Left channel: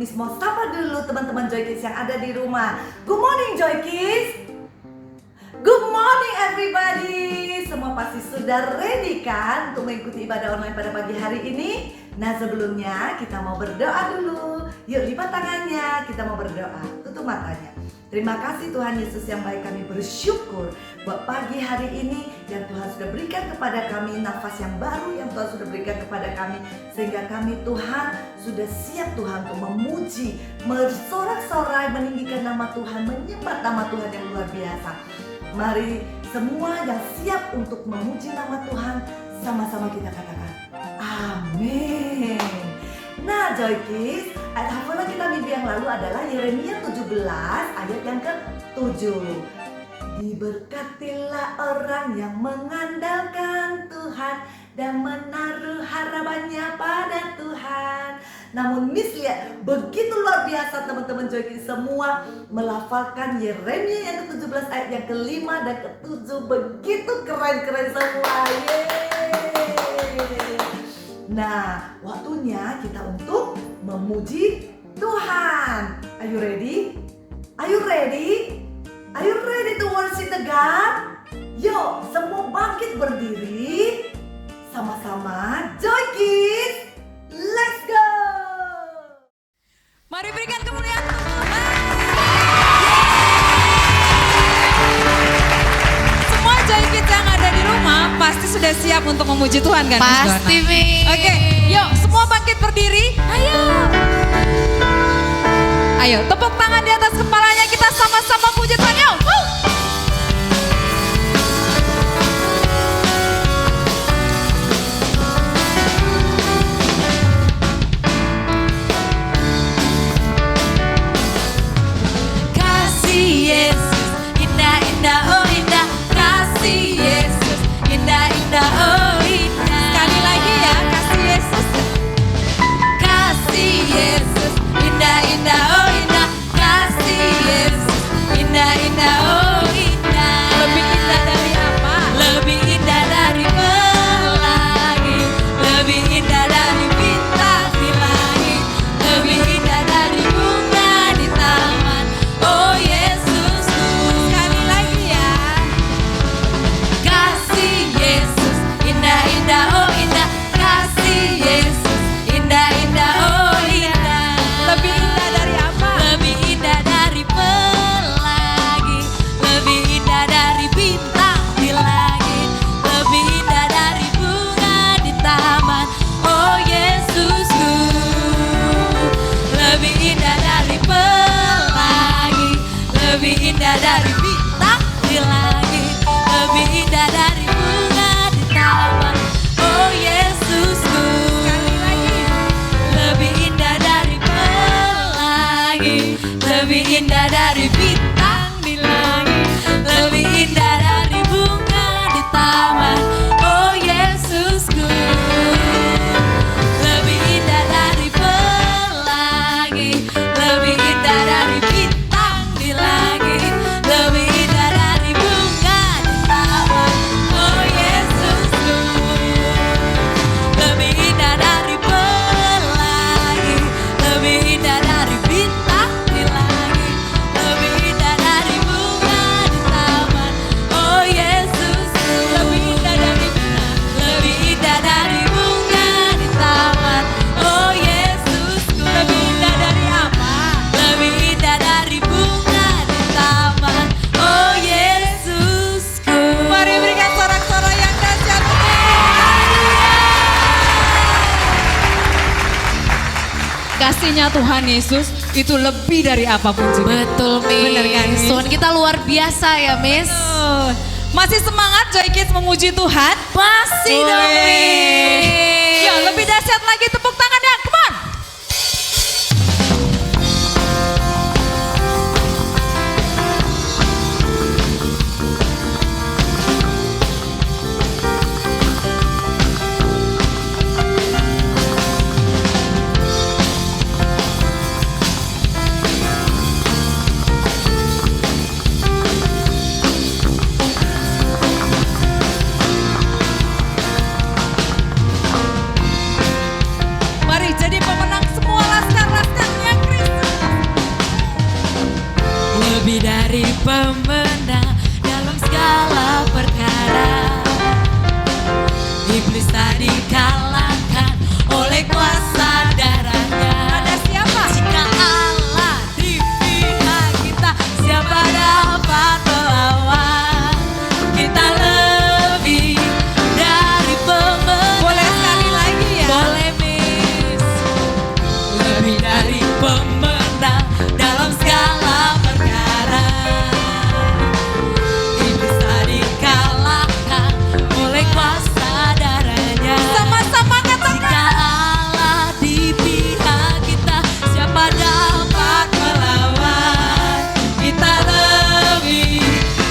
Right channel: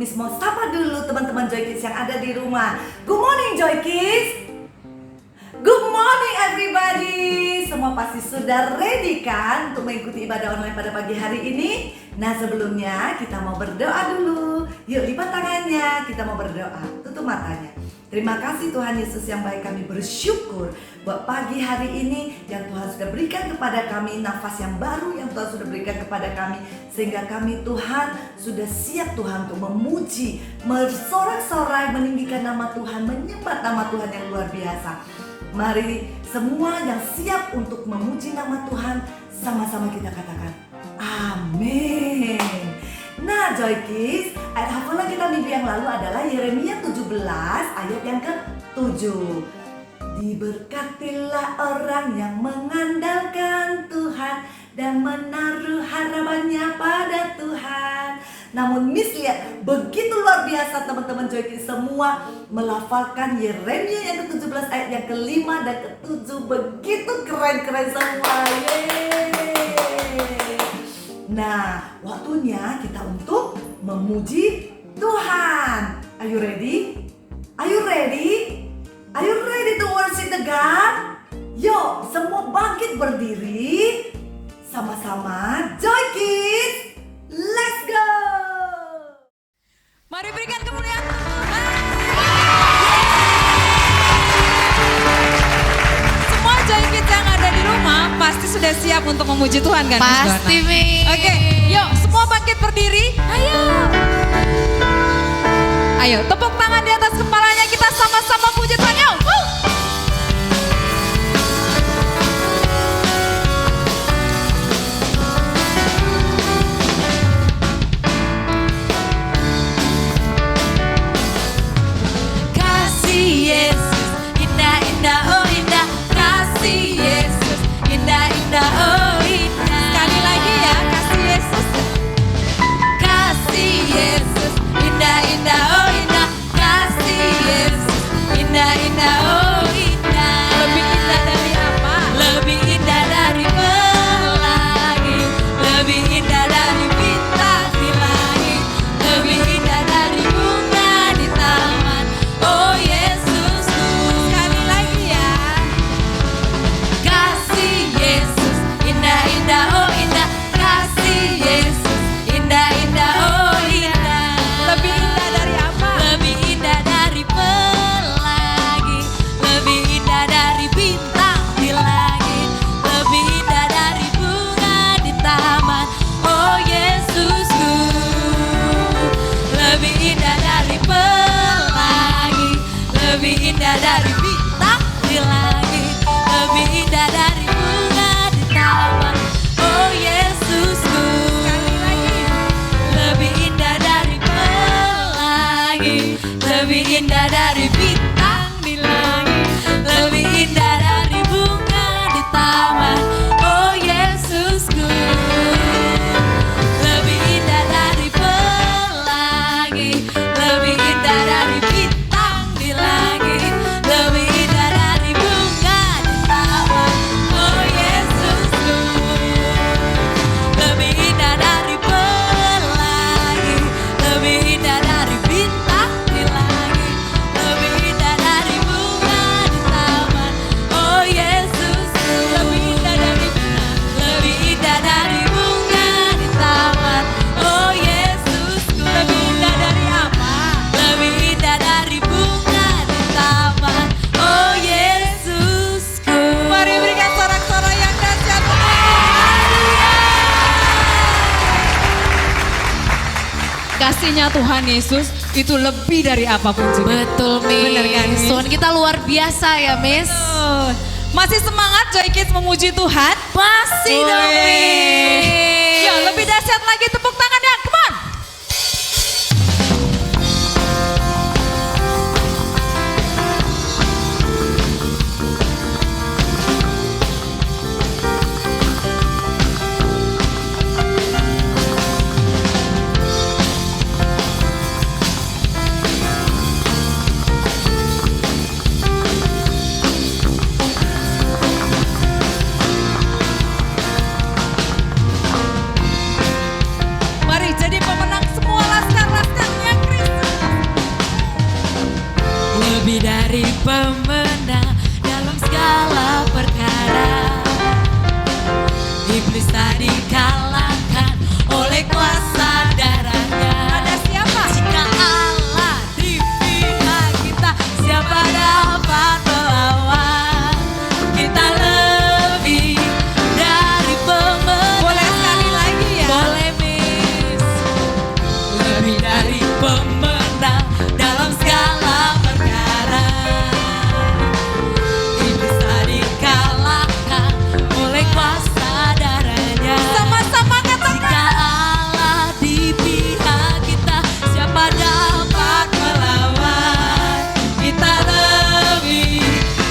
Miss mau sapa dulu teman-teman Joy Kids yang ada di rumah. Good morning Joy Kids. Good morning everybody. Semua pasti sudah ready kan untuk mengikuti ibadah online pada pagi hari ini? Nah sebelumnya kita mau berdoa dulu. Yuk lipat tangannya, kita mau berdoa. Tutup matanya. Terima kasih Tuhan Yesus yang baik, kami bersyukur buat pagi hari ini yang Tuhan sudah berikan kepada kami, nafas yang baru yang Tuhan sudah berikan kepada kami, sehingga kami Tuhan sudah siap Tuhan untuk memuji, bersorak-sorai, meninggikan nama Tuhan, menyembah nama Tuhan yang luar biasa. Mari semua yang siap untuk memuji nama Tuhan, sama-sama kita katakan amin. Nah Joy Kids, ayat hafalan kita minggu yang lalu adalah Yeremia 17 ayat yang ke-7. Diberkatilah orang yang mengandalkan Tuhan dan menaruh harapannya pada Tuhan. Namun Miss lihat begitu luar biasa teman-teman Joy Kids semua melafalkan Yeremia yang ke-17 ayat yang ke-5 dan ke-7. Begitu keren-keren semua. Yeay. Nah, waktunya kita untuk memuji Tuhan. Are you ready? Are you ready? Are you ready to worship the God? Yuk, semua bangkit berdiri. Sama-sama Joy Kids. Let's go! Mari berikan kemuliaan Tuhan. Semua Joy Kids yang ada di rumah pasti sudah siap untuk memuji Tuhan kan? Pasti Mi. Oke, yuk semua bangkit berdiri. Ayo tepuk tangan di atas kepalanya, kita sama-sama puji Tuhan. Yuk. Kasih Yesus indah-indah, oh indah. Kasih Yesus indah-indah, oh indah. Sekali lagi ya, kasih Yesus. Kasih Yesus indah-indah, oh indah. Kasih Yesus indah-indah, oh indah. Lebih indah dari apa? Lebih indah dari pelangi, lebih indah dari bintang di langit, lebih indah dari bunga di taman. Oh Yesusku. Sekali lagi ya. Kasih Yesus indah-indah, oh indah. Kasih Yesus indah-indah, oh indah. Lebih indah dari apa? Lebih indah dari pelangi, lebih indah dari bintang di langit, lebih indah dari bunga di taman. Oh Yesusku. Lebih indah dari pelangi, lebih indah dari bintang di langit, lebih indah dari bunga di taman. Oh Yesusku. Sekali lagi. Lebih indah dari pelangi, lebih indah dari bintang di langit, lebih indah dari bunga di taman. Oh Yesusku. Lebih indah dari pelangi, lebih indah dari bintang di langit, lebih indah dari bunga di taman. Oh Yesusku. Lebih indah dari pelangi, lebih indah dari bintang di langit, lebih indah dari bunga di taman. Oh Yesusku. Lebih indah dari bunga, lebih indah dari bunga di taman. Oh Yesusku. Lebih indah dari apa? Lebih indah dari bunga di taman. Oh Yesusku. Mari berikan sorak-sorai yang dahsyat. Kasihnya Tuhan Yesus itu lebih dari apapun juga. Betul Miss. Bener kan, Miss? Tuhan kita luar biasa ya Miss. Masih semangat Joy Kids memuji Tuhan? Masih dong Wih. Miss. Yuk lebih dahsyat lagi, tepuk tangannya, come on. pemenang dalam segala perkara. Iblis tak dikalahkan oleh kuasa darahnya. Ada siapa? Jika Allah di pihak kita, siapa dapat melawan? Kita lebih dari pemenang. Boleh sekali lagi ya? Boleh Miss. Lebih dari pemenang dalam segala perkara. Iblis tak dikalahkan oleh kuasa darahnya. Sama-sama katakan. Jika Allah di pihak kita, siapa dapat melawan? Kita lebih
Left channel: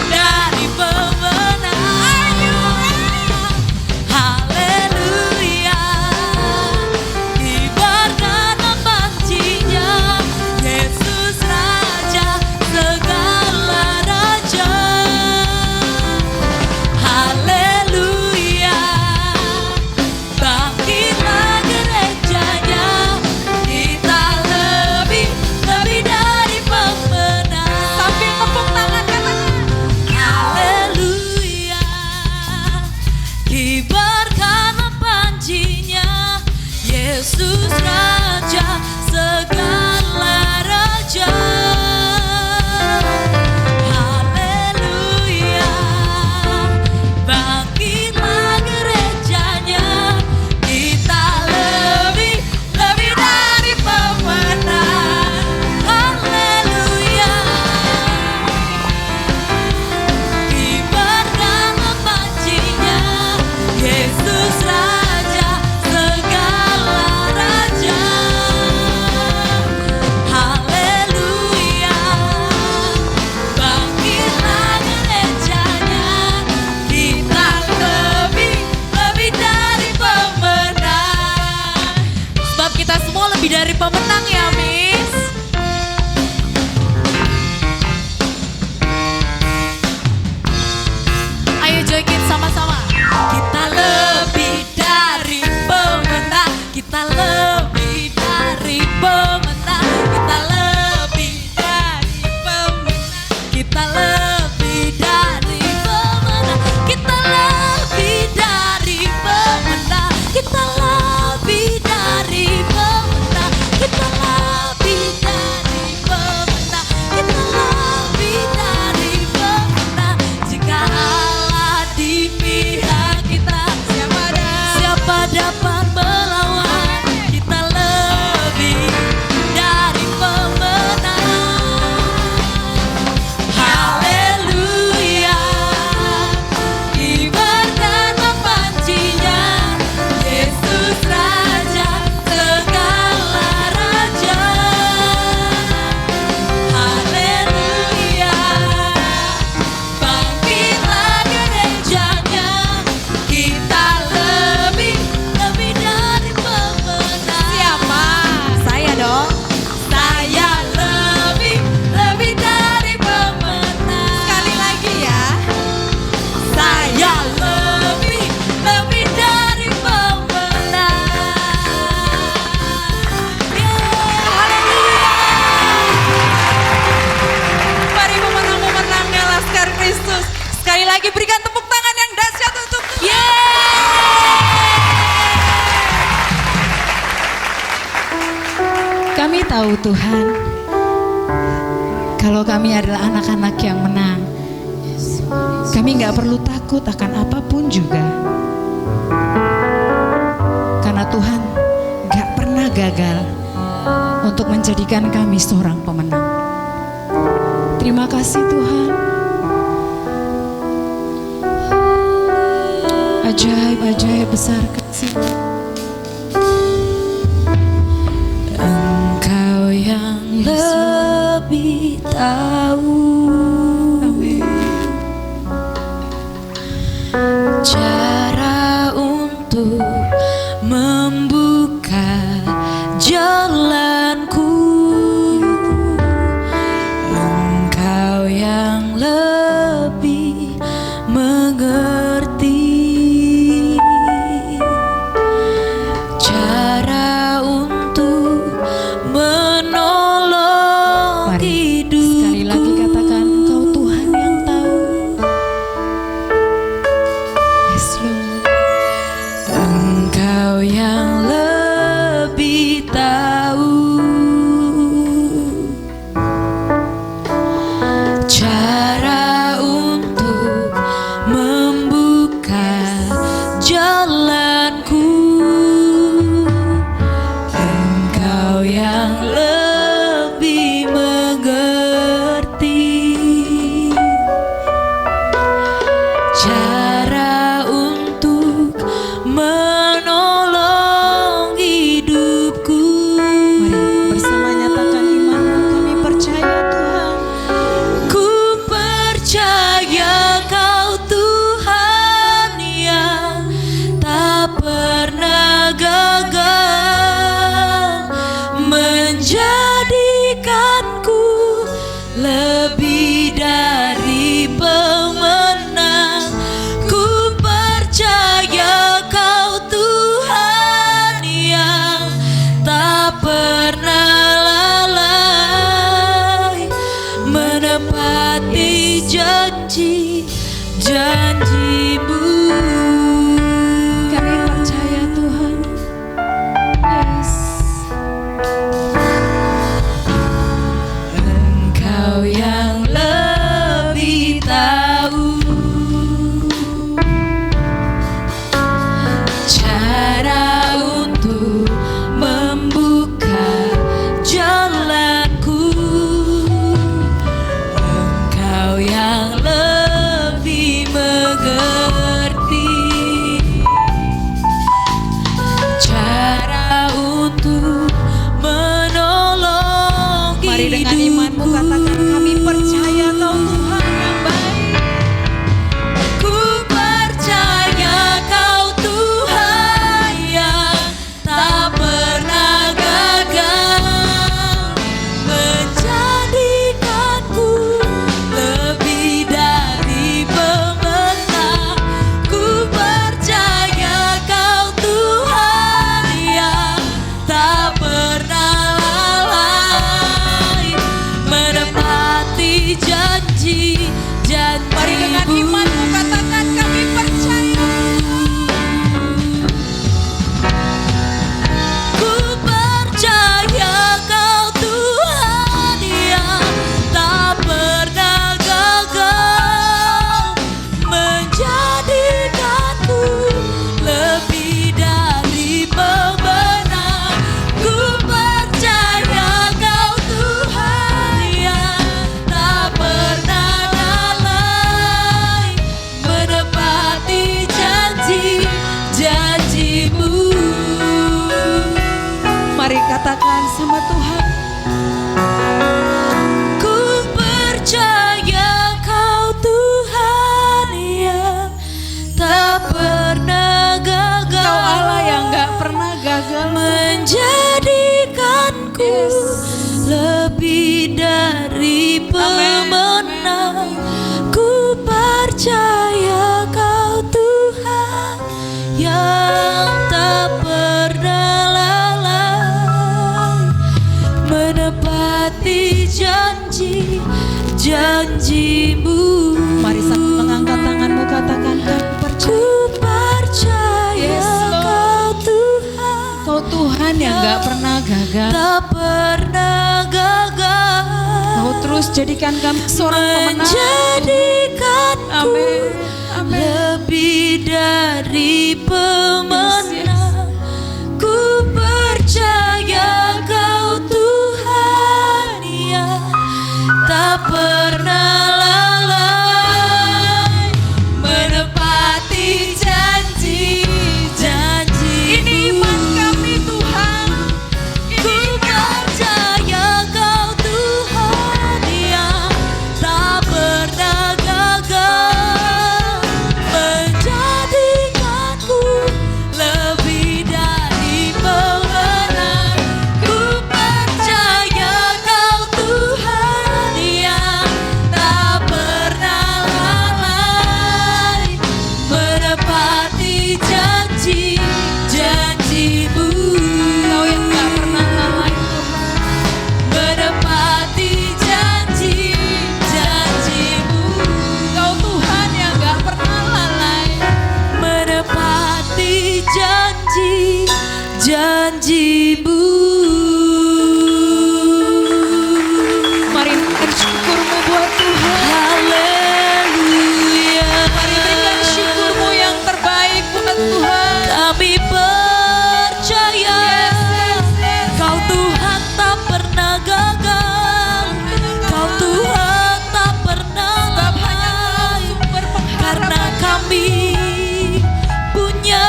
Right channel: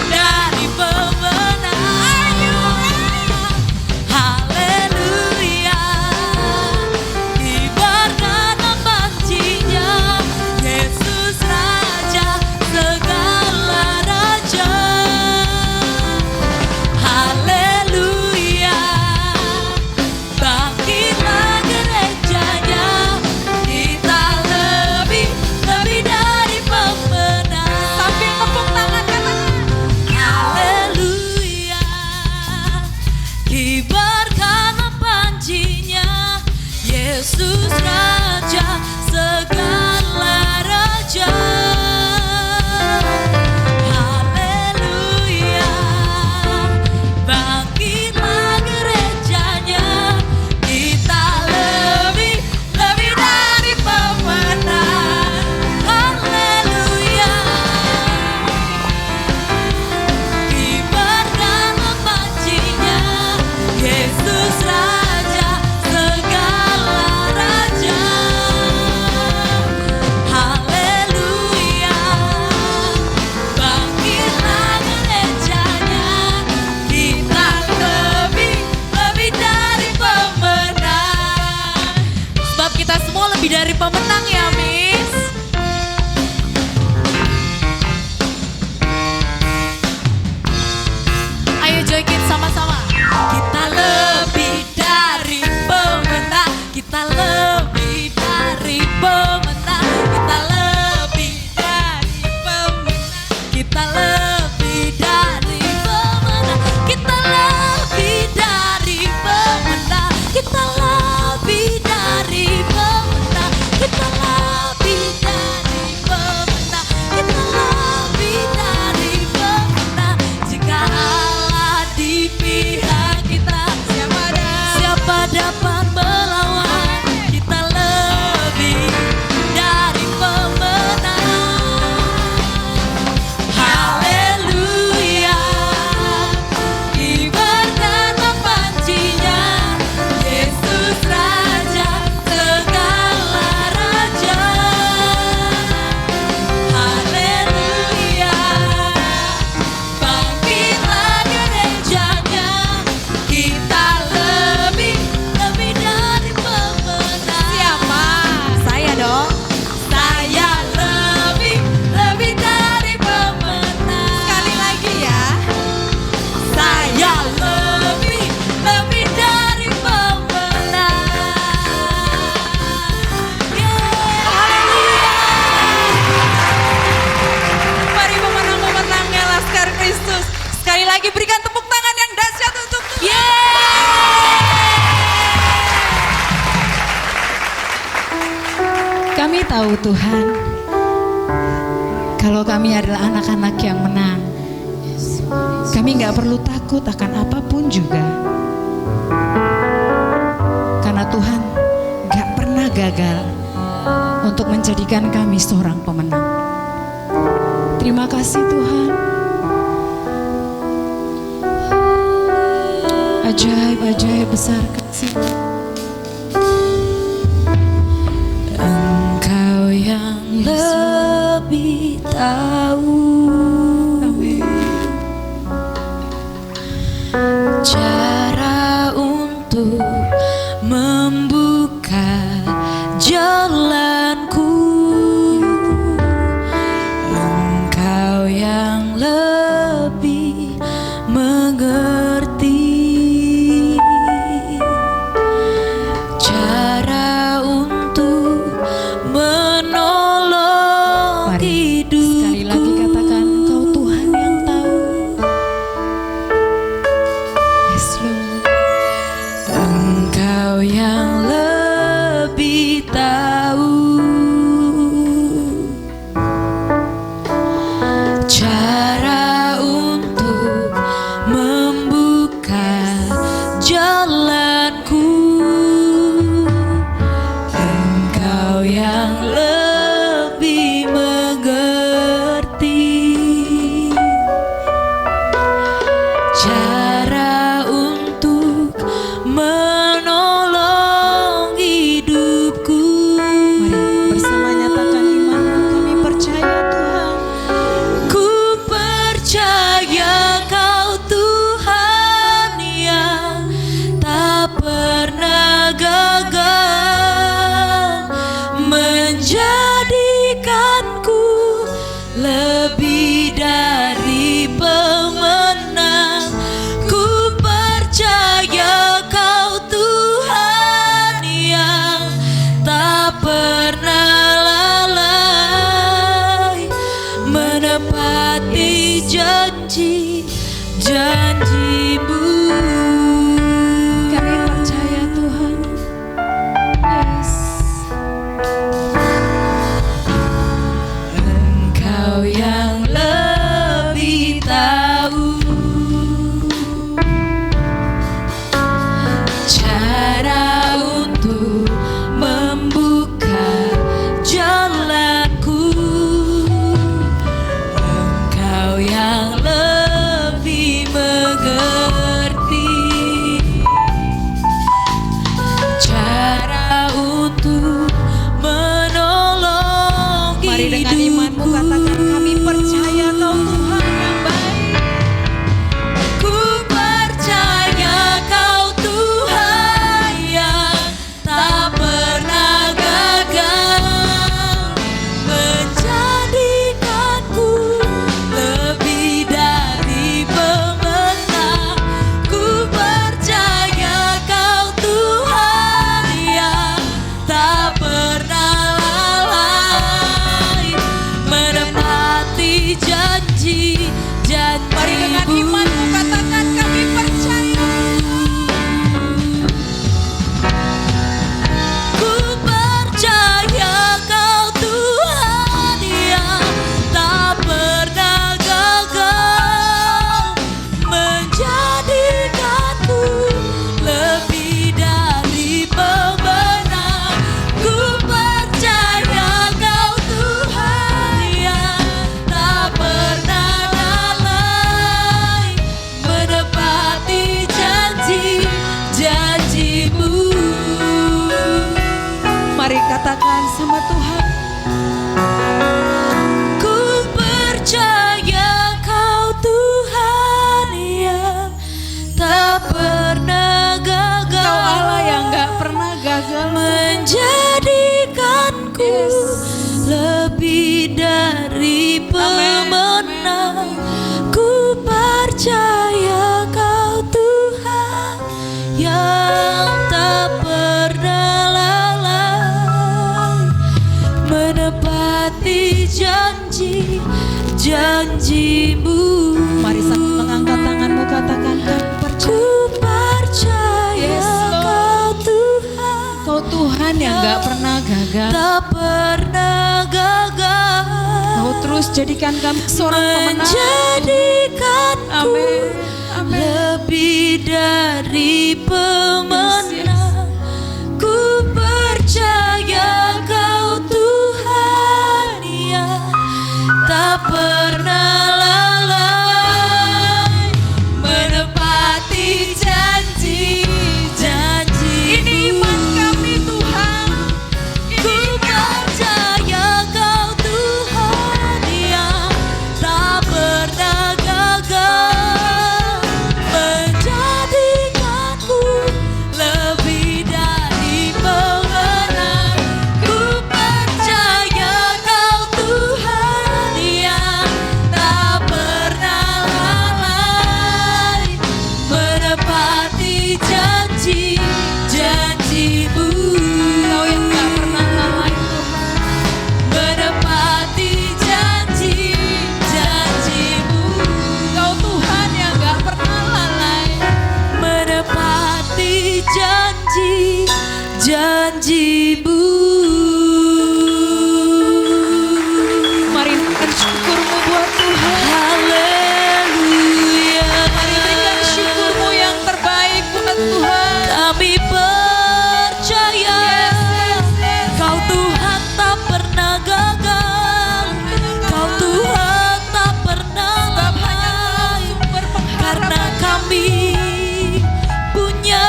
dari pemenang. Haleluya. Kibarkan pancinya, Yesus Raja segala raja. Haleluya. Bangkitlah gerejanya, kita lebih dari pemenang. Sambil tepuk tangan katakan. Haleluya. Kibarkan pancinya, Yesus Raja segala raja. Haleluya. Bangkitlah gerejanya, kita lebih dari pemenang. Haleluya. Kibarkan pancinya, Yesus Raja segala raja. Haleluya. Bangkitlah gerejanya, kita lebih dari pemenang. Sebab kita semua lebih dari pemenang ya Miss. Ayo Joy Kids sama-sama. Kita lebih dari pemenang. Kita lebih dari pemenang. Kita lebih dari pemenang. Kita lebih dari pemenang. Kita lebih dari pemenang. Kita lebih dari pemenang. Kita lebih dari pemenang. Kita lebih dari pemenang. Jika Allah di pihak kita, siapa dapat melawan? Kita lebih dari pemenang. Haleluya. Kibarkan pancinya, Yesus Raja segala raja. Haleluya. Bangkitlah gerejanya, kita lebih dari pemenang. Siapa? Saya dong. Saya lebih dari pemenang. Sekali lagi ya. Saya lebih dari pemenang. Yeah, haleluya. Mari pemenang-pemenangnya Laskar Kristus. Sekali lagi berikan tepuk tangan yang dahsyat untuk Tuhan. Kami tahu Tuhan, kalau kami adalah anak-anak yang menang, kami nggak perlu takut akan apapun juga. Karena Tuhan nggak pernah gagal untuk menjadikan kami seorang pemenang. Terima kasih Tuhan. Ajaib-ajaib besar kasih. Engkau yang lebih tahu cara untuk membuka jalanku. Engkau yang lebih mengerti cara untuk menolong Mari, hidupku. sekali lagi katakan, Engkau Engkau yang lebih tahu cara untuk membuka jalanku. Engkau yang lebih mengerti cara untuk menolong hidupku. Mari bersama nyatakan imanmu, kami percaya Tuhan. Ku percaya Kau Tuhan yang tak pernah gagal menjadikanku lebih dari pemenang. Ku percaya Kau Tuhan yang tak pernah lalai menepati janji-janji-Mu. Kami percaya Tuhan. Yes. Engkau yang lebih tahu cara untuk membuka jalanku. Engkau yang lebih mengerti cara untuk menolong Mari dengan imanmu hidupku. katakan kami percaya Kau Tuhan yang baik. Ku percaya Kau Tuhan yang tak pernah gagal menjadikanku lebih dari pemenang. Ku percaya Kau Tuhan yang tak pernah lalai menepati janji-janji-Mu. Mari dengan imanmu katakan kami percaya. Ku percaya Kau Tuhan yang tak pernah gagal menjadikanku lebih dari pemenang. Ku percaya Kau Tuhan yang tak pernah lalai menepati janji-janji-Mu. Mari katakan sama Tuhan. Ku percaya Kau Tuhan yang tak pernah gagal. Kau Allah yang gak pernah gagal. menjadikanku lebih dari pemenang. Ku percaya Kau Tuhan yang tak pernah lalai menepati janji-janji-Mu. Mari sambil mengangkat tanganmu katakan kami percaya. Ku percaya Yes, Lord. Kau Tuhan Kau Tuhan yang gak pernah gagal. tak pernah gagal Kau terus jadikan kami seorang pemenang. menjadikanku Amin. Amin. lebih dari pemenang. Ku percaya Kau Tuhan yang tak pernah lalai menepati janji-janji-Mu. Ini iman kami Tuhan. Ku percaya Kau Tuhan yang tak pernah gagal menjadikanku lebih dari pemenang. Ku percaya Kau Tuhan yang tak pernah lalai menepati janji-janji-Mu. Kau yang gak pernah lalai menepati janji-janji-Mu. Kau Tuhan yang gak pernah lalai menepati janji janjimu. Mari berikan syukurmu buat Tuhan. Haleluya. Mari berikan syukurmu yang terbaik buat Tuhan. Kami percaya Kau Tuhan tak pernah gagal, Kau Tuhan tak pernah lalai, karena kami punya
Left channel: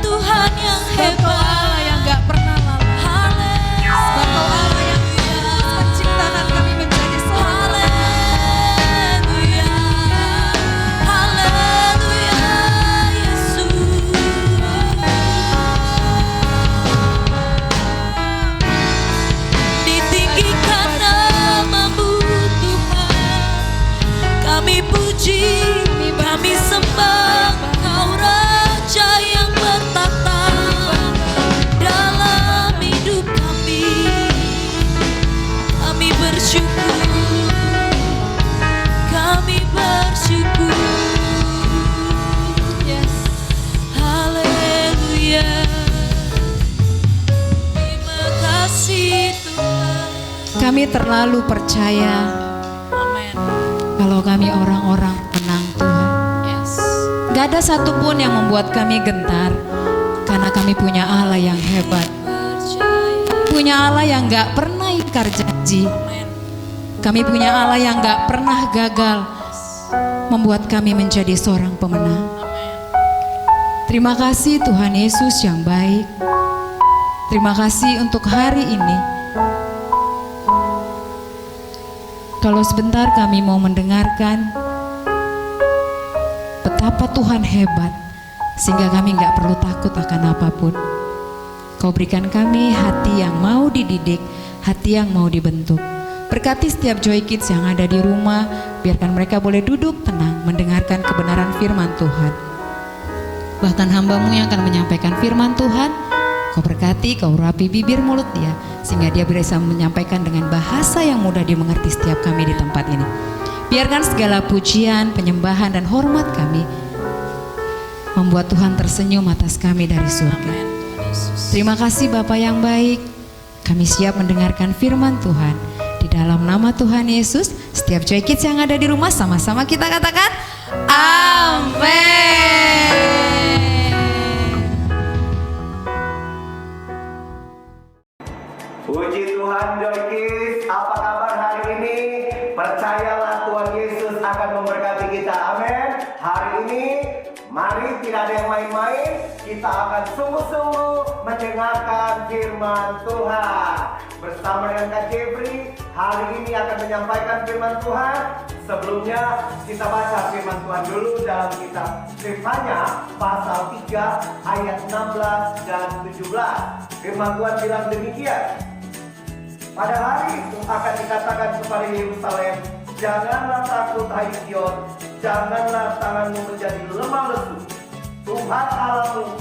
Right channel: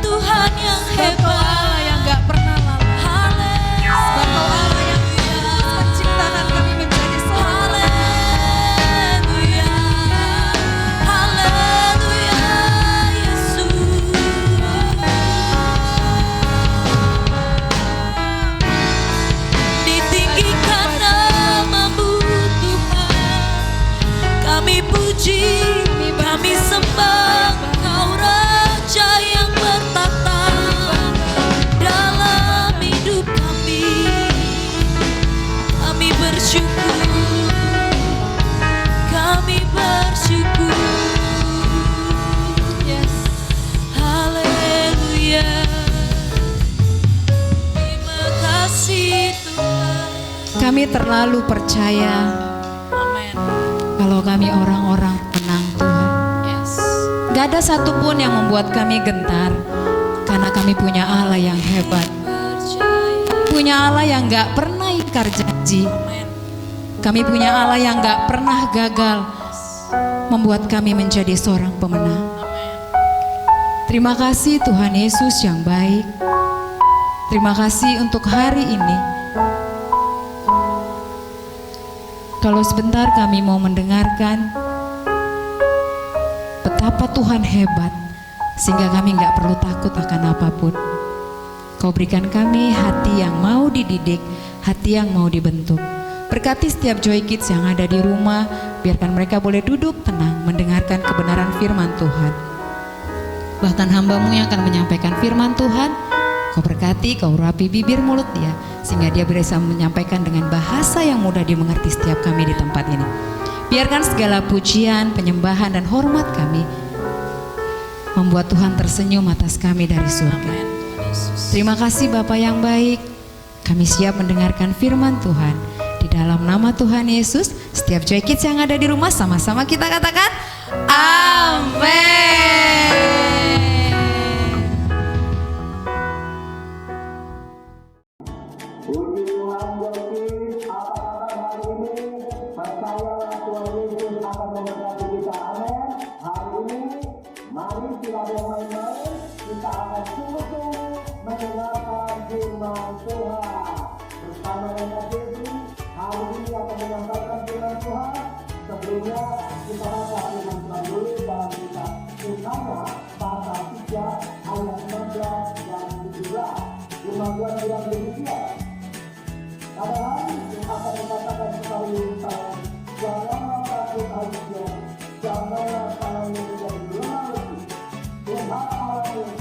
Tuhan yang hebat. Yang gak pernah lalai. Sebab Kau Allah yang menciptakan kami menjadi seorang. Haleluya, haleluya, Yesus. Ditinggikan namamu Tuhan, kami puji, kami sembah Kau Raja yang bertata dalam hidup kami. Kami bersyukur, kami bersyukur. Yes. Haleluya. Terima kasih Tuhan. Kami terlalu percaya Amin. kalau kami orang-orang tenang Tuhan. Yes. Gak ada satupun yang membuat kami gentar, karena kami punya Allah yang hebat, Percaya. punya Allah yang gak pernah ingkar janji. Amin. Kami punya Allah yang gak pernah gagal, membuat kami menjadi seorang pemenang. Amin. Terima kasih Tuhan Yesus yang baik. Terima kasih untuk hari ini. Kalau sebentar kami mau mendengarkan betapa Tuhan hebat, sehingga kami gak perlu takut akan apapun. Kau berikan kami hati yang mau dididik, hati yang mau dibentuk. Berkati setiap Joy Kids yang ada di rumah, biarkan mereka boleh duduk tenang mendengarkan kebenaran firman Tuhan. Bahkan hamba-Mu yang akan menyampaikan firman Tuhan, Kau berkati, Kau urapi bibir mulut dia, sehingga dia bisa menyampaikan dengan bahasa yang mudah dimengerti setiap kami di tempat ini. Biarkan segala pujian, penyembahan, dan hormat kami membuat Tuhan tersenyum atas kami dari surga. Terima kasih Bapa yang baik. Kami siap mendengarkan firman Tuhan. Di dalam nama Tuhan Yesus, setiap Joy Kids yang ada di rumah sama-sama kita katakan Amin. Puji Tuhan Joy Kids, apa kabar hari ini? Percayalah Tuhan Yesus akan memberkati kita, amin. Hari ini, mari tidak ada yang main-main, kita akan sungguh-sungguh mendengarkan firman Tuhan. Bersama dengan Kak Jeffrey, hari ini akan menyampaikan firman Tuhan. Sebelumnya, kita baca firman Tuhan dulu dalam kitab Yesaya pasal 3 ayat 16 dan 17. Firman Tuhan bilang demikian. Pada hari itu akan dikatakan kepada Yerusalem, janganlah takut hai Sion, janganlah tanganmu menjadi lemah lesu. Tuhan Allahmu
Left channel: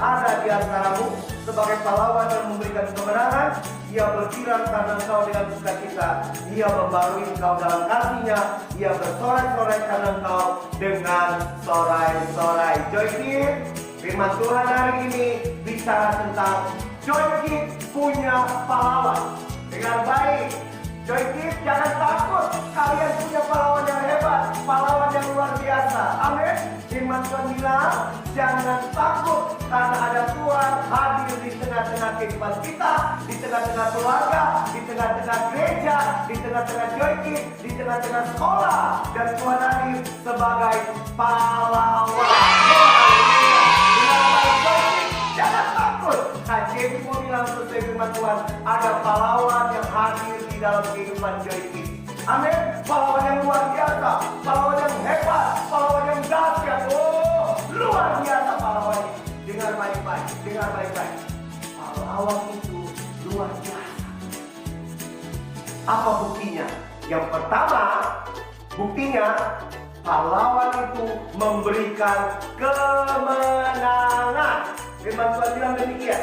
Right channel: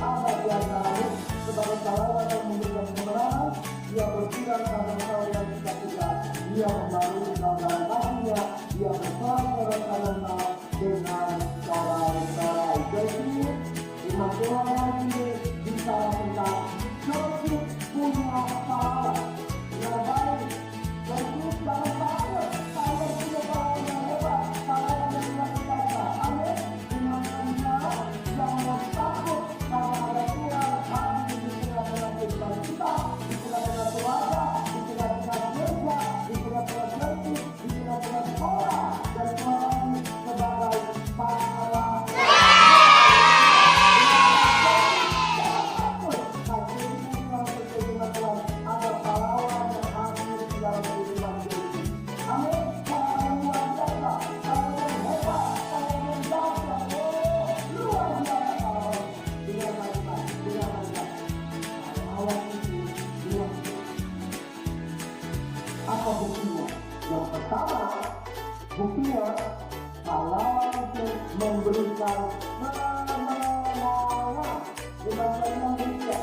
ada di antaramu sebagai pahlawan yang memberikan kemenangan. Ia berkiran karena engkau dengan sukacita. Ia membarui engkau dalam kasih-Nya. Ia bersorai-sorai karena engkau dengan sorai-sorai. Joy Kids, firman Tuhan hari ini bicara tentang Joy Kids punya pahlawan. Dengan baik, Joy Kids jangan takut. Kalian punya pahlawan yang hebat, pahlawan yang luar biasa. Amin. Firman Tuhan bilang, jangan takut karena ada Tuhan hadir di tengah-tengah kehidupan kita, di tengah-tengah keluarga, di tengah-tengah gereja, di tengah-tengah Joy Kids, di tengah-tengah sekolah. Dan Tuhan hadir sebagai pahlawan. Jangan takut. Nah, jadi mau bilang sesuai firman Tuhan, ada pahlawan yang hadir di dalam kehidupan Joy Kids. Amin. Pahlawan yang luar biasa, pahlawan yang hebat, pahlawan yang dahsyat. Oh, luar biasa pahlawan. Dengar baik-baik, dengar baik-baik. Pahlawan itu luar biasa. Apa buktinya? Yang pertama, buktinya pahlawan itu memberikan kemenangan. Firman Tuhan bilang demikian.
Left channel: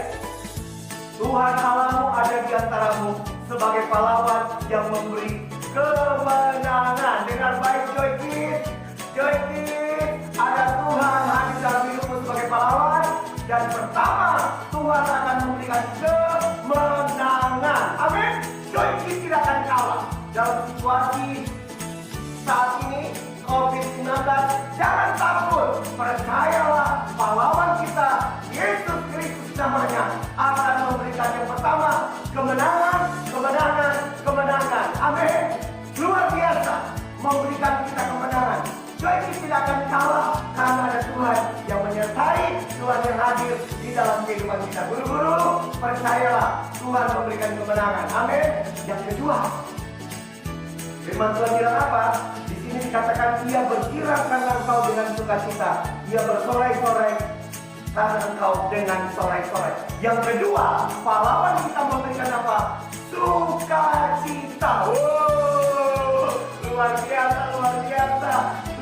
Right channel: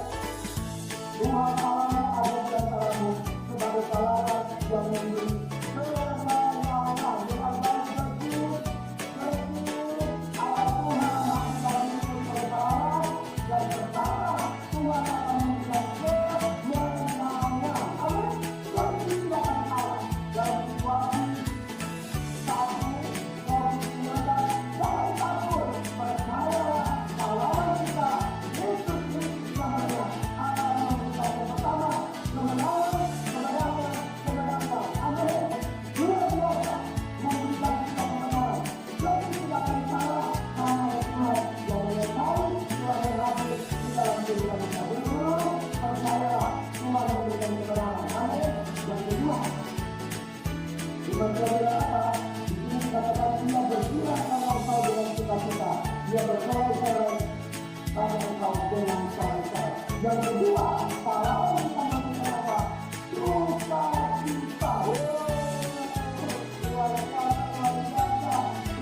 Tuhan Allahmu ada di antaramu sebagai pahlawan yang memberi kemenangan. Dengan baik Joy Kids, Joy Kids, ada Tuhan hadir dalam hidupmu sebagai pahlawan. Yang pertama, Tuhan Tuhan akan memberikan kemenangan. Amin. Joy Kids tidak akan kalah dalam situasi saat ini COVID-19. Jangan takut, percayalah pahlawan kita Yesus Kristus namanya akan memberikan yang pertama kemenangan, kemenangan, kemenangan. Amin. Luar biasa memberikan kita kemenangan. Joy Kids tidak akan kalah karena ada Tuhan yang menyertai, Tuhan yang hadir di dalam kehidupan kita. Guru-guru, percayalah Tuhan memberikan kemenangan. Amin. Yang kedua, firman Tuhan bilang apa? Di sini dikatakan ia berkirang karena engkau dengan sukacita. Ia bersorai-sorai karena engkau dengan sorai-sorai. Yang kedua, pahlawan kita memberikan apa? Sukacita. Oh, luar biasa, luar biasa.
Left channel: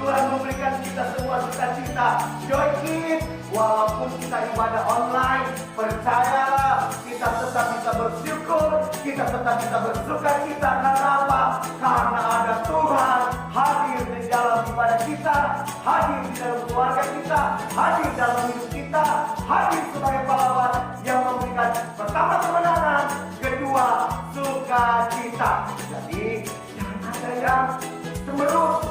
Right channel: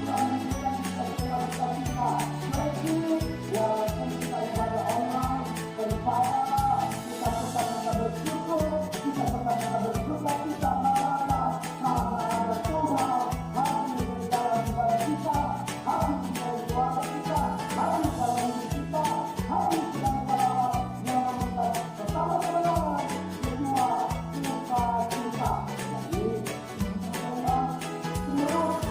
Tuhan memberikan kita semua sukacita. Joy Kids, walaupun kita ibadah online, percayalah kita tetap bisa bersyukur, kita tetap bisa bersukacita. Karena apa? Karena ada Tuhan hadir di dalam ibadah kita, hadir di dalam keluarga kita, hadir dalam hidup kita, hadir sebagai pahlawan yang memberikan pertama kemenangan, kedua sukacita. Jadi jangan ada yang semerut,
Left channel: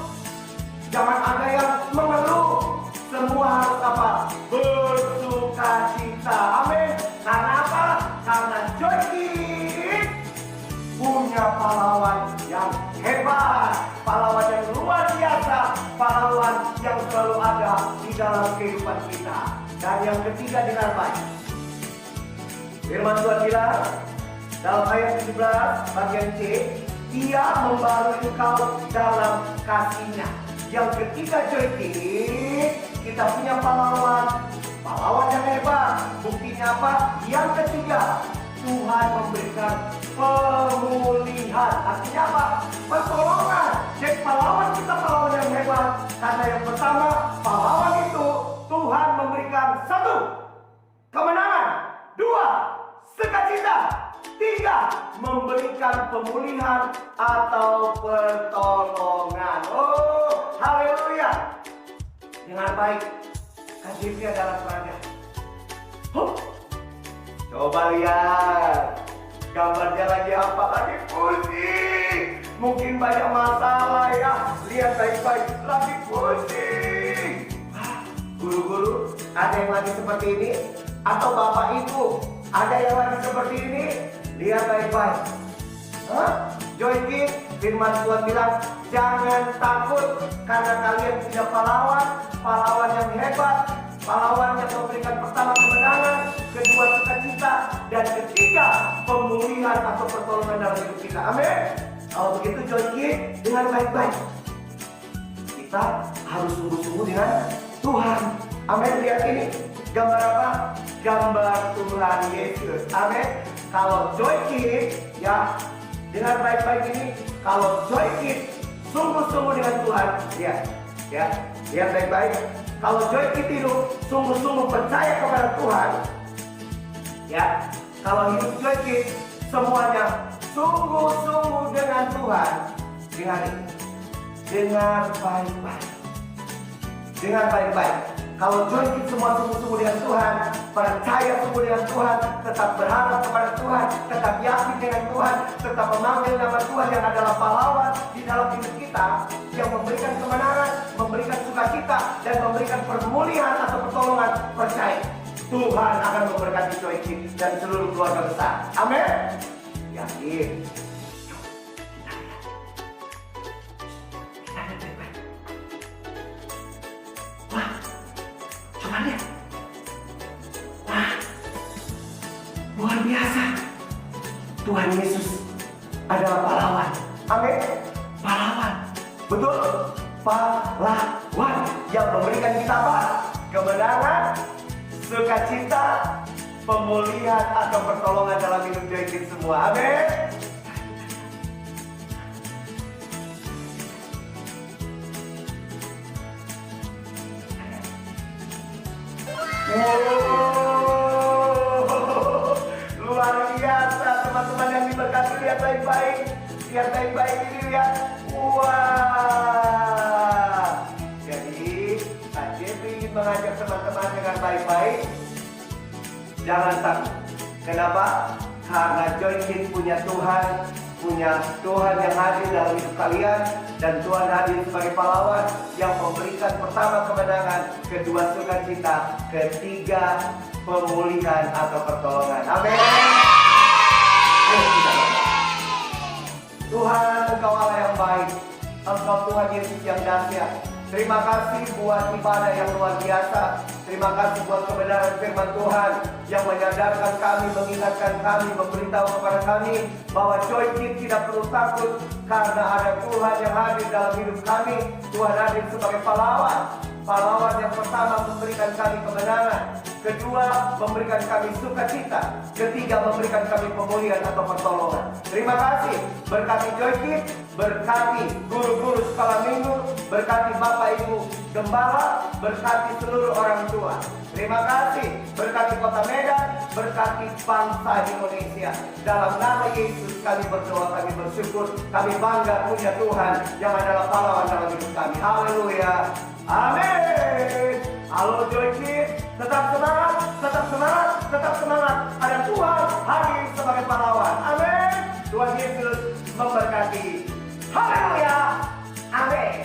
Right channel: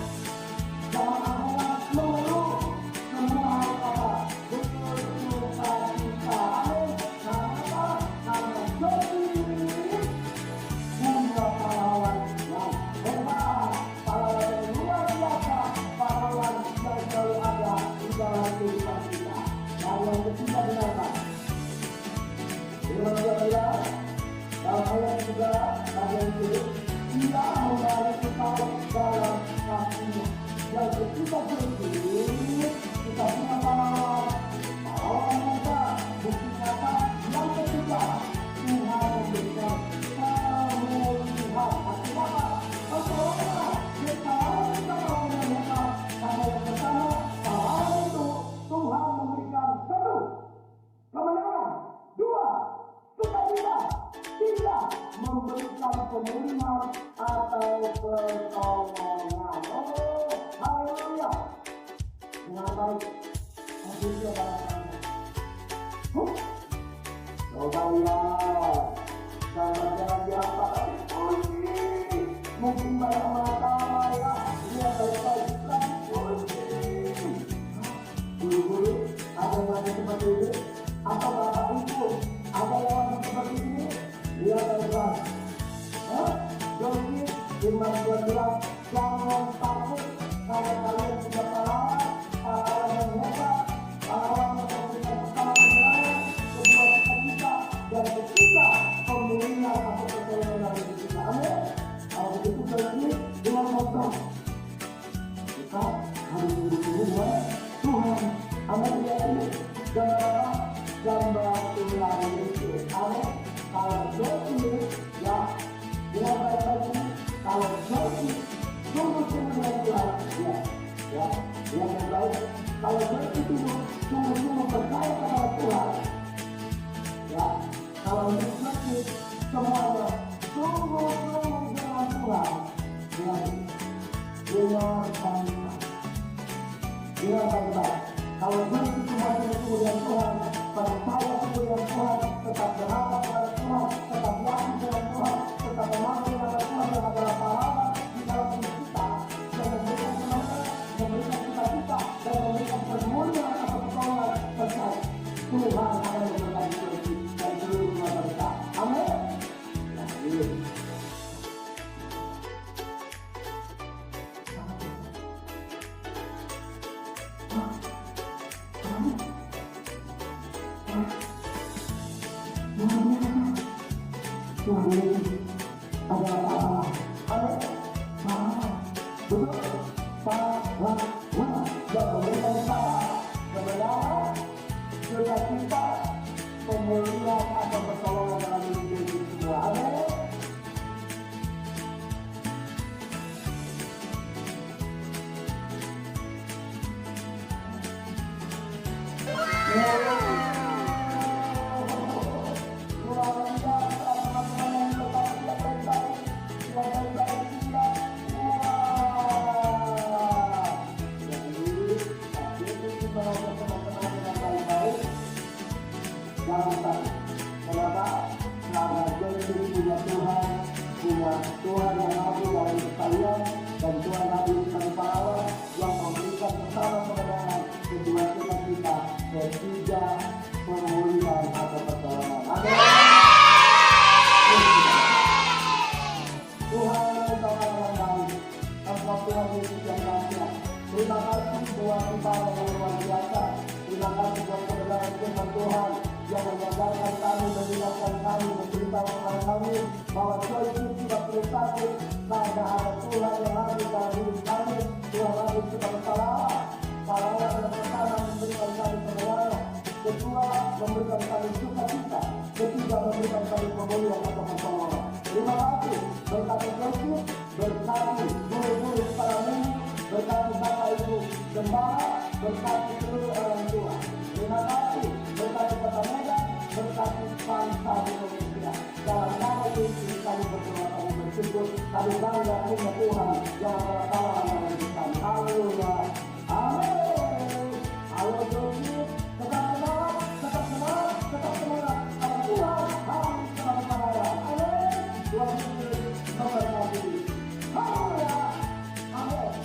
jangan ada yang mengeluh. Semua harus apa? Bersukacita. Amin. Karena apa? Karena Joy Kids punya pahlawan yang hebat, pahlawan yang luar biasa, pahlawan yang selalu ada di dalam kehidupan kita. Dan yang ketiga, dengar baik. Firman Tuhan bilang dalam ayat 17 bagian C, ia membalui engkau dalam kasih-Nya. Yang ketiga, Joy Kids, kita punya pahlawan, pahlawan yang hebat. Buktinya apa? Yang ketiga, Tuhan memberikan pemulihan. Artinya apa? Pertolongan. Jadi pahlawan kita pahlawan yang hebat. Karena yang pertama, pahlawan itu Tuhan memberikan satu, kemenangan. Dua, sukacita. Tiga, memberikan pemulihan atau pertolongan. Oh, haleluya. Dengan baik, hadirnya dalam kerajaan. Coba lihat gambarnya lagi apa? Lagi pusing. Mungkin banyak masalah ya. Lihat baik-baik, lagi pusing. Guru-guru, ada yang lagi seperti ini? Atau bapak ibu, ada yang lagi seperti ini? Lihat baik-baik. Joy Kids, firman Tuhan bilang, jangan takut karena kalian punya pahlawan, pahlawan yang hebat, pahlawan yang memberikan pertama kemenangan, kedua sukacita, dan ketiga pemulihan atau pertolongan dalam hidup kita. Amin. Kalau begitu Joy Kids, dengan baik-baik kita harus sungguh-sungguh dengan Tuhan. Amin. Lihat ini gambar apa? Gambar Tuhan Yesus. Amin. Kalau Joy Kids, ya, dengan baik-baik ini, kalau Joy Kids sungguh-sungguh dengan Tuhan, lihat, ya, lihat baik-baik. Kalau Joy Kids itu sungguh-sungguh percaya kepada Tuhan, ya, kalau hidup Joy Kids semuanya sungguh-sungguh dengan Tuhan, dengan ini, dengan baik-baik, dengan baik-baik. Kalau Joy Kids semua sungguh-sungguh dengan Tuhan, percaya sungguh dengan Tuhan, tetap berharap kepada Tuhan, tetap yakin dengan Tuhan, tetap memanggil nama Tuhan yang adalah pahlawan di dalam hidup kita, yang memberikan kemenangan, memberikan sukacita, dan memberikan pemulihan atau pertolongan. Percaya Tuhan akan memberkati Joy Kids dan seluruh keluarga besar. Amin. Yakin. Wah, coba lihat. Wah, luar biasa. Tuhan Yesus adalah pahlawan. Amin. Pahlawan. Betul. Pahlawan yang memberikan kita apa? Kemenangan, sukacita, pemulihan atau pertolongan dalam hidup Joy Kids semua. Amin. Luar biasa teman-teman yang diberkati. Lihat baik-baik, lihat baik-baik ini, lihat. Wah, jadi Kak Jeffrey ingin mengajak teman-teman dengan baik-baik Jangan takut. Kenapa? Karena Joy Kids punya Tuhan yang hadir dalam hidup kalian, dan Tuhan hadir sebagai pahlawan yang memberikan pertama kemenangan, kedua sukacita, ketiga pemulihan atau pertolongan. Amin. Tuhan, Engkau Allah yang baik, Engkau Tuhan Yesus yang dahsyat. Terima kasih buat ibadah yang luar biasa. Terima kasih buat kebenaran firman Tuhan yang menyadarkan kami, mengingatkan kami, memberitahu kepada kami bahwa Joy Kids tidak perlu takut karena ada Tuhan yang hadir dalam hidup kami. Tuhan hadir sebagai pahlawan yang pertama memberikan kami kemenangan, kedua memberikan kami sukacita, ketiga memberikan kami pemulihan atau pertolongan. Terima kasih, berkati Joy Kids, berkati guru-guru sekolah minggu, berkati Bapak Ibu Gembala, berkati seluruh orang tua. Terima kasih, berkati Kota Medan, berkati bangsa Indonesia. Dalam nama Yesus kami berdoa, kami bersyukur, kami bangga punya Tuhan yang adalah pahlawan dalam hidup kami. Haleluya, amin. Halo Joy Kids, tetap semangat, tetap semangat, tetap semangat. Ada Tuhan hadir sebagai pahlawan. Amin. Tuhan Yesus memberkati. Haleluya, amin.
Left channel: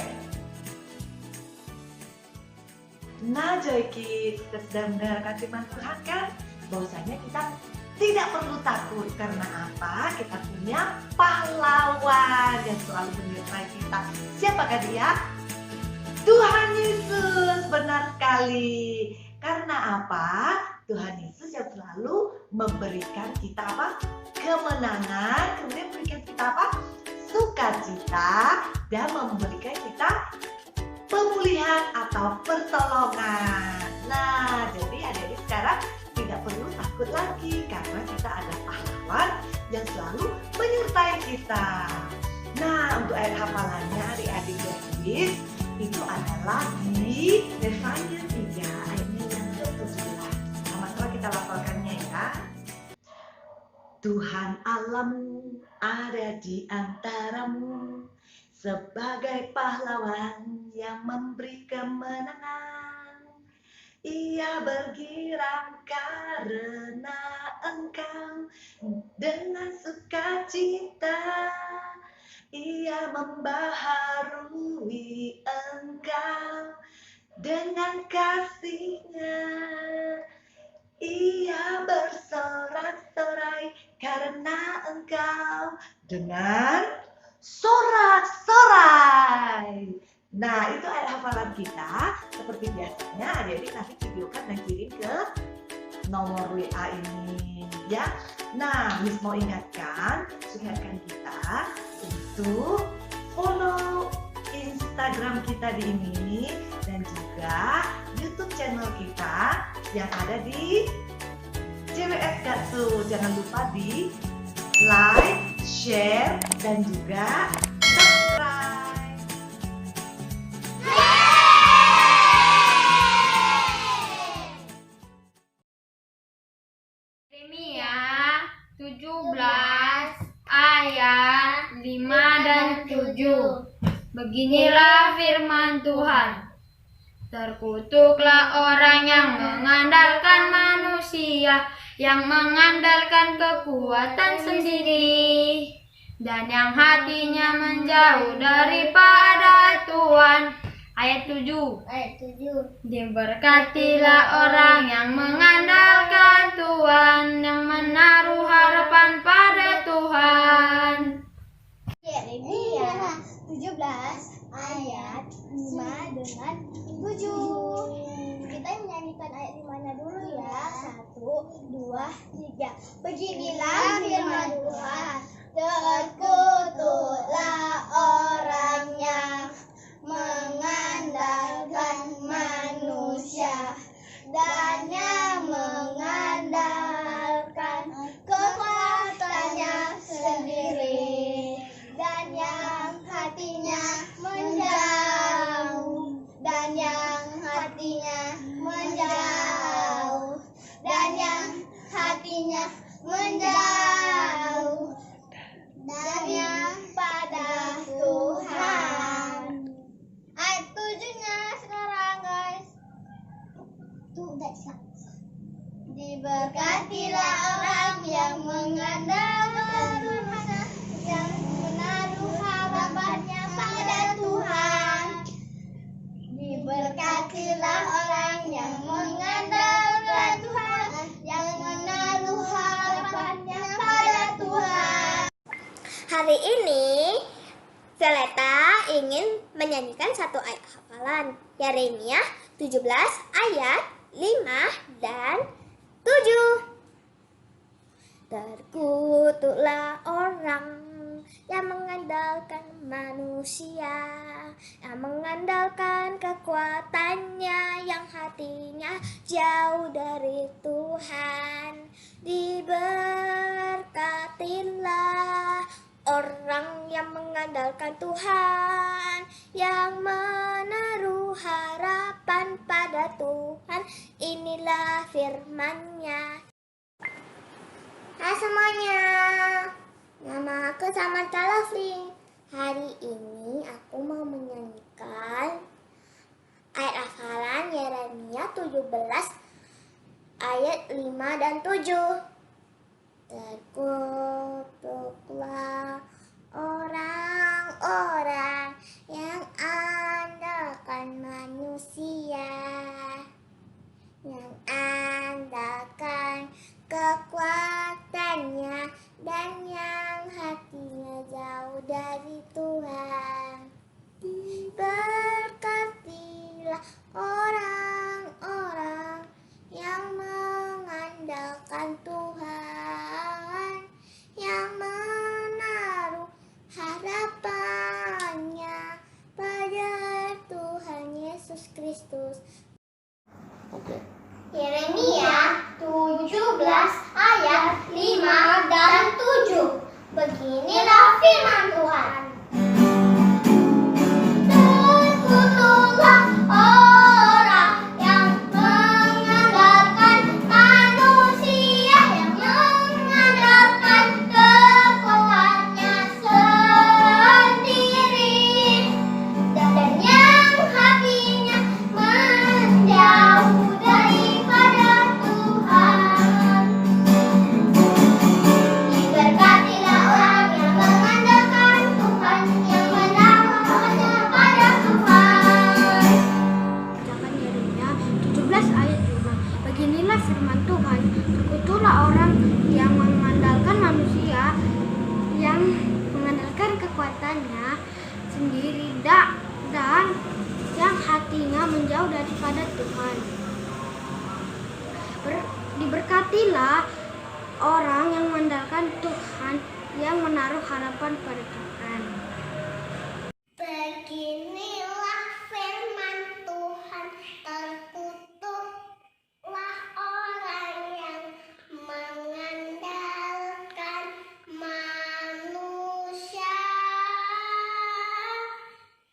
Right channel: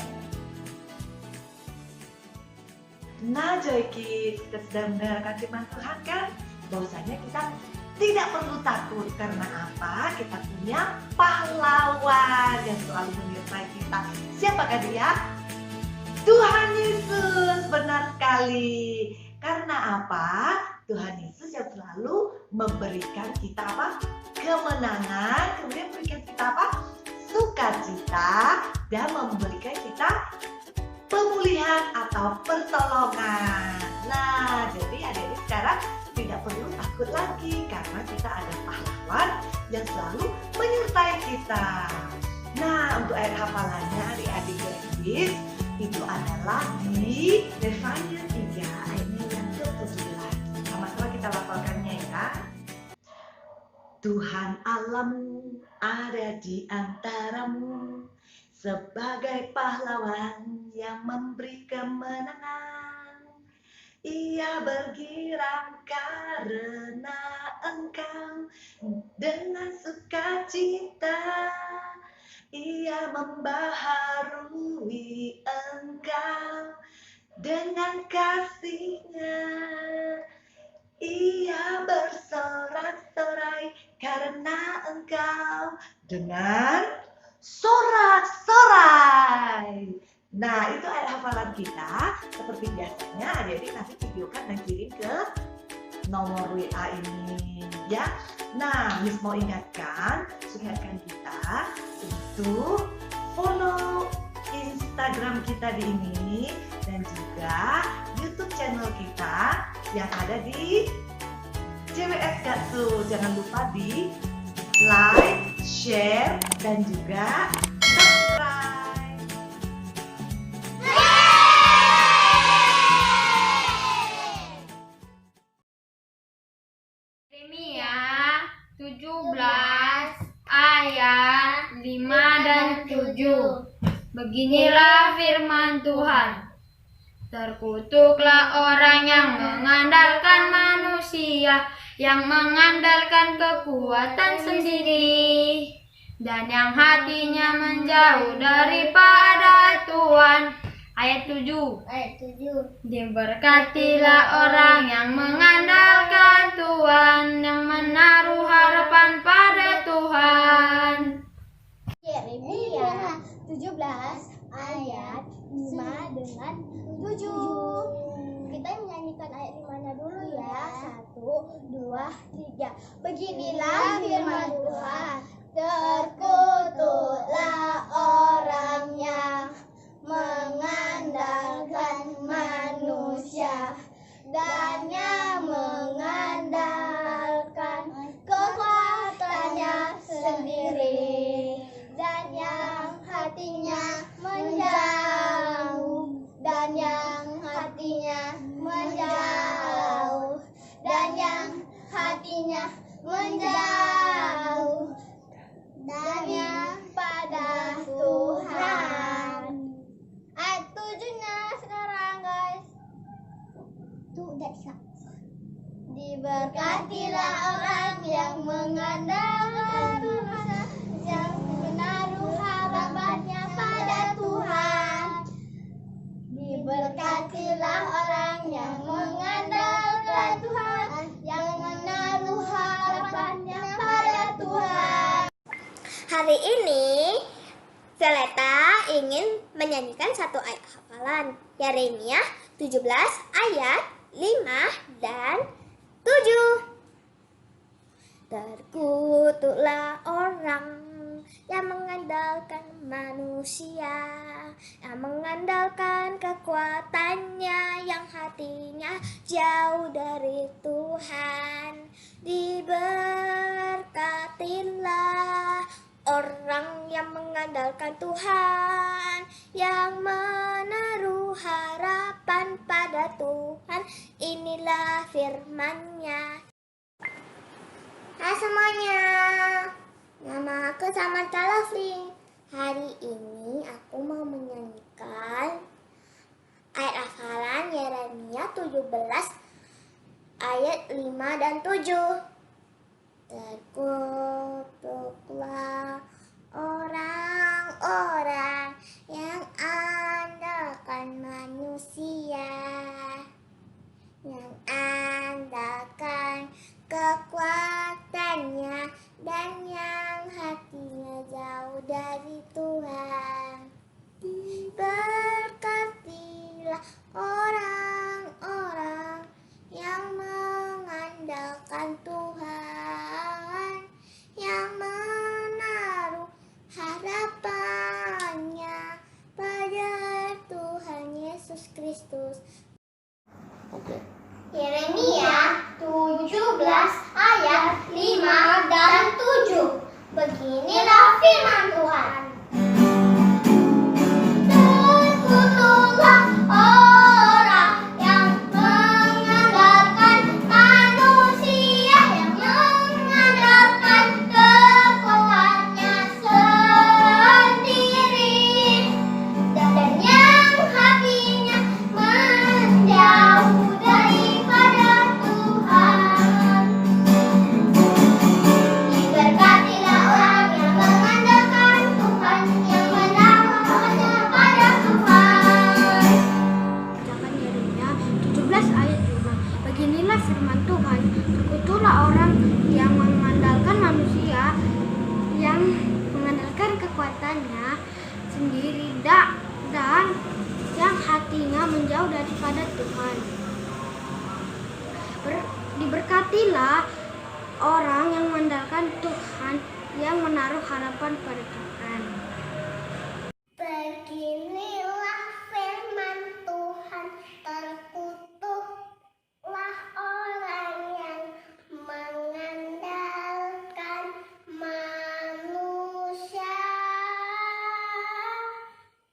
Nah Joy Kids, kita sedang mendengarkan firman Tuhan kan? Bahwasanya kita tidak perlu takut. Karena apa? Kita punya pahlawan yang selalu menyertai kita. Siapakah dia? Tuhan Yesus, benar sekali. Karena apa? Tuhan Yesus yang selalu memberikan kita apa? Kemenangan, kemudian memberikan kita apa? Sukacita, dan memberikan kita pemulihan atau pertolongan. Nah, jadi adik-adik sekarang tidak perlu takut lagi karena kita ada pahlawan yang selalu menyertai kita. Nah, untuk ayat hafalannya adik-adik Joy itu adalah di Nehemia 3 ayatnya yang ke-17. Sama-sama kita lafalkannya ya. Tuhan Allahmu ada di antaramu sebagai pahlawan yang memberi kemenangan. Ia bergirang karena engkau dengan sukacita. Ia membaharui engkau dengan kasih-Nya. Ia bersorak-sorai karena engkau dengan sorak-sorai. Nah, itu ayat hafalan kita. Seperti biasanya adik-adik nanti videokan dan kirim ke nomor WA ini ya. Nah, Miss mau ingatkan kita untuk follow Instagram kita di ini dan juga YouTube channel kita yang ada di CWS Gatsu. Jangan lupa di like, share, dan juga subscribe. Yeremia 17 ayat 5 dan 7. Beginilah firman Tuhan. Terkutuklah orang yang mengandalkan manusia, yang mengandalkan kekuatan sendiri, dan yang hatinya menjauh daripada Tuhan. Ayat 7. Diberkatilah orang yang mengandalkan Tuhan, yang menaruh harapan pada Tuhan. Yeremia 17 ayat 5 dengan 7. Kita menyanyikan ayat 5-nya dulu ya. 1, 2, 3. Beginilah firman Tuhan. Terkutuklah orang yang mengandalkan manusia dan yang mengandalkan kekuatannya sendiri, dan yang hatinya menjauh, dan yang hatinya menjauh, dan yang hatinya menjauh, dan yang pada Tuhan. Ayat 7-nya sekarang guys. Tuh udah bisa. Diberkatilah orang yang mengandalkan Tuhan, yang menaruh harapannya pada Tuhan. Diberkatilah orang yang mengandalkan Tuhan, yang menaruh harapannya pada Tuhan. Hari ini Violeta ingin menyanyikan satu ayat hafalan, Yeremia 17 ayat 5 dan 7. Terkutuklah orang yang mengandalkan manusia, yang mengandalkan kekuatannya, yang hatinya jauh dari Tuhan. Diberkatilah orang yang mengandalkan Tuhan, yang menaruh harapan pada Tuhan. Inilah firman-Nya. Hai semuanya, nama aku Samantha Lovely. Hari ini aku mau menyanyikan ayat hafalan Yeremia 17 ayat 5 dan 7. Terkutuklah orang-orang yang andalkan manusia, yang andalkan kekuatannya, dan yang hatinya jauh dari Tuhan. Diberkatilah orang-orang yang mengandalkan Tuhan, yang menaruh harapannya pada Tuhan Yesus Kristus. Yeremia 17 ayat 5 dan 7. Beginilah firman Tuhan. Terkutuklah orang yang mengandalkan manusia, yang mengandalkan kekuatannya sendiri, dan yang hatinya menjauh daripada Tuhan. Diberkatilah orang yang mengandalkan Tuhan, yang menaruh harapannya pada Tuhan. Bacakan Yeremia 17 ayat 5. Beginilah firman Tuhan. Terkutuklah orang yang mengandalkan manusia, yang mengandalkan kekuatannya sendiri, dan yang hatinya menjauh daripada Tuhan. Diberkatilah orang yang mengandalkan Tuhan, yang menaruh harapan pada Tuhan. Beginilah firman Tuhan, terkutuklah orang yang mengandalkan manusia,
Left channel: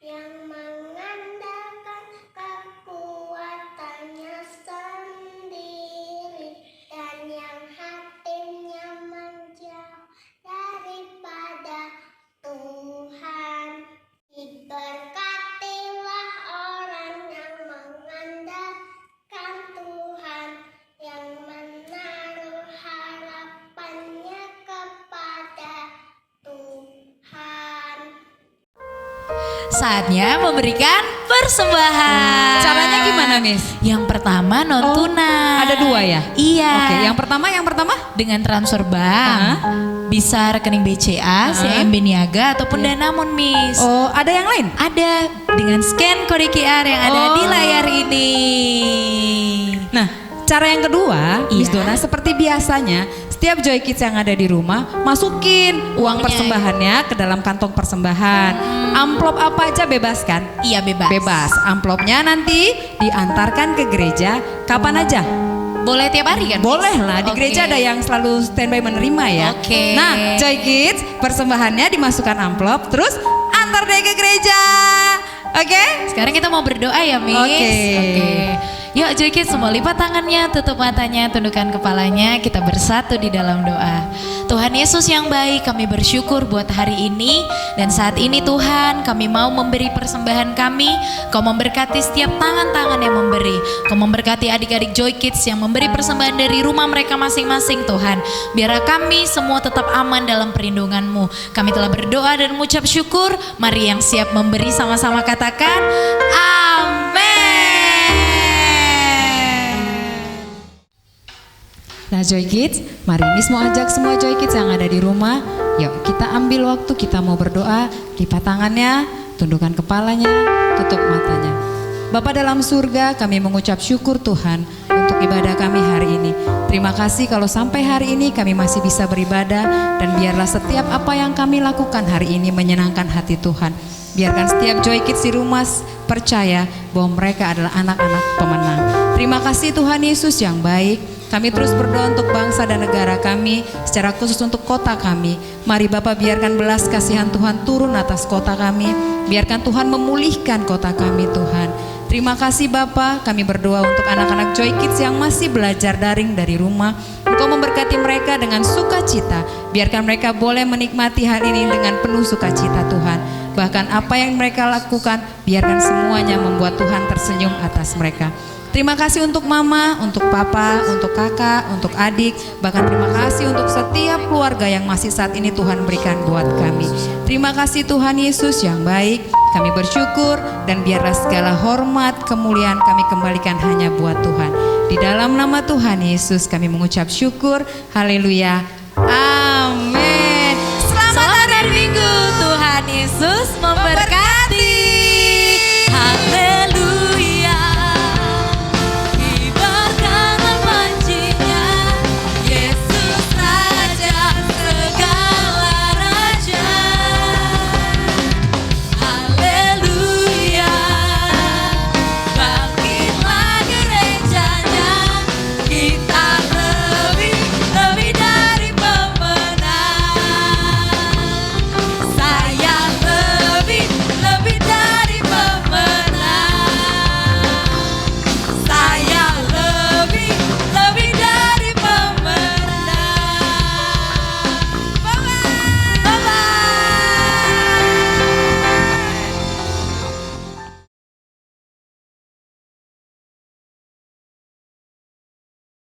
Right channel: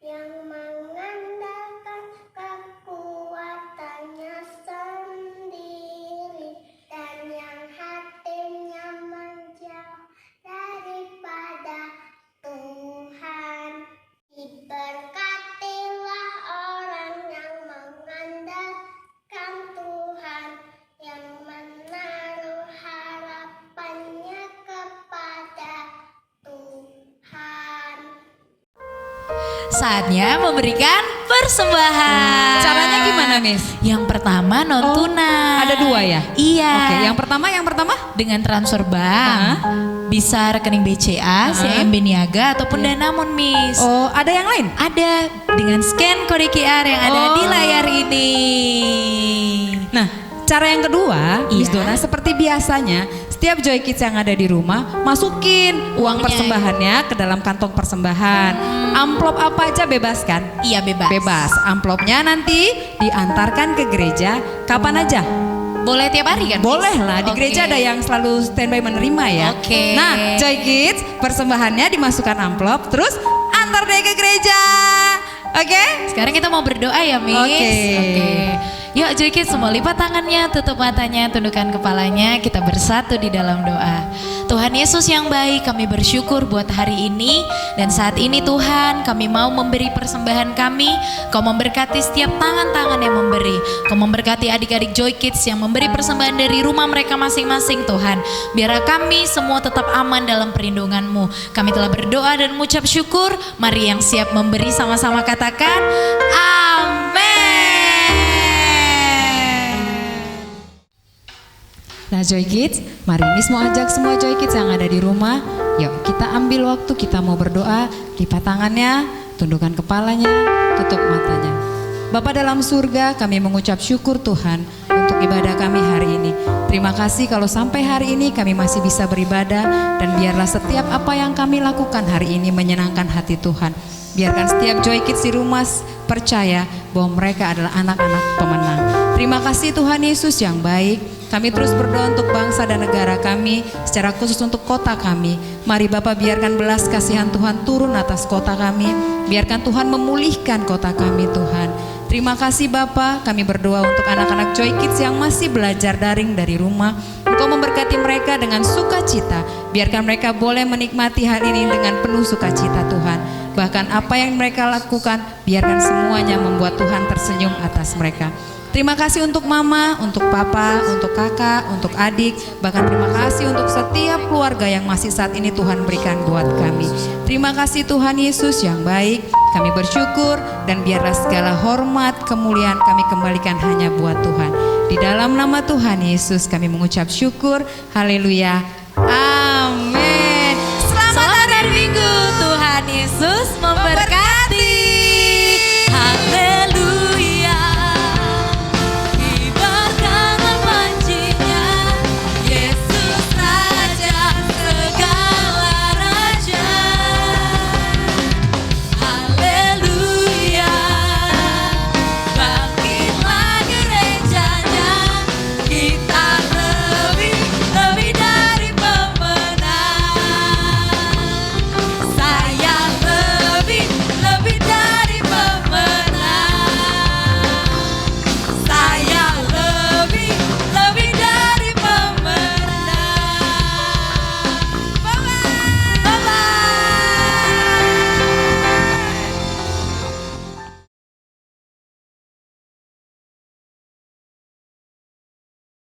yang mengandalkan kekuatannya sendiri, dan yang hatinya menjauh daripada Tuhan. Diberkatilah orang yang mengandalkan Tuhan, yang menaruh harapannya kepada Tuhan. Saatnya memberikan persembahan. Caranya gimana, Miss? Yang pertama non tunai. Ada 2 ya? Iya. Oke, yang pertama dengan transfer bank. Bisa rekening BCA, CMB Niaga ataupun Danamon, Miss. Oh, ada yang lain? Ada dengan scan kode QR yang ada di layar ini. Nah, cara yang kedua, Miss Iya. Dona, seperti biasanya, setiap Joy Kids yang ada di rumah, masukin uang persembahannya ke dalam kantong persembahan. Amplop apa aja bebas kan? Iya, bebas. Bebas. Amplopnya nanti diantarkan ke gereja kapan aja? Boleh tiap hari kan? Miss? Boleh lah, di gereja Oke. ada yang selalu standby menerima ya. Oke. Nah, Joy Kids, persembahannya dimasukkan amplop, terus antar deh ke gereja. Oke? Sekarang kita mau berdoa ya, Miss. Oke. Yuk Joy Kids semua lipat tangannya, tutup matanya, tundukkan kepalanya, kita bersatu di dalam doa. Tuhan Yesus yang baik, kami bersyukur buat hari ini. Dan saat ini Tuhan, kami mau memberi persembahan kami. Kau memberkati setiap tangan-tangan yang memberi. Kau memberkati adik-adik Joy Kids yang memberi persembahan dari rumah mereka masing-masing Tuhan. Biarlah kami semua tetap aman dalam perlindungan-Mu. Kami telah berdoa dan mengucap syukur. Mari yang siap memberi sama-sama katakan amin. Nah Joy Kids, mari Miss mau ajak semua Joy Kids yang ada di rumah, yuk kita ambil waktu, kita mau berdoa, lipat tangannya, tundukkan kepalanya, tutup matanya. Bapa dalam surga, kami mengucap syukur Tuhan untuk ibadah kami hari ini. Terima kasih kalau sampai hari ini kami masih bisa beribadah, dan biarlah setiap apa yang kami lakukan hari ini menyenangkan hati Tuhan. Biarkan setiap Joy Kids di rumah percaya bahwa mereka adalah anak-anak pemenang. Terima kasih Tuhan Yesus yang baik. Kami terus berdoa untuk bangsa dan negara kami, secara khusus untuk kota kami. Mari Bapak biarkan belas kasihan Tuhan turun atas kota kami. Biarkan Tuhan memulihkan kota kami Tuhan. Terima kasih Bapak, kami berdoa untuk anak-anak Joy Kids yang masih belajar daring dari rumah. Engkau memberkati mereka dengan sukacita. Biarkan mereka boleh menikmati hal ini dengan penuh sukacita Tuhan. Bahkan apa yang mereka lakukan, biarkan semuanya membuat Tuhan tersenyum atas mereka. Terima kasih untuk mama, untuk papa, untuk kakak, untuk adik. Bahkan terima kasih untuk setiap keluarga yang masih saat ini Tuhan berikan buat kami. Terima kasih Tuhan Yesus yang baik. Kami bersyukur dan biarlah segala hormat, kemuliaan kami kembalikan hanya buat Tuhan. Di dalam nama Tuhan Yesus kami mengucap syukur. Haleluya. Amin. Selamat hari Minggu. Tuhan Yesus memberkati.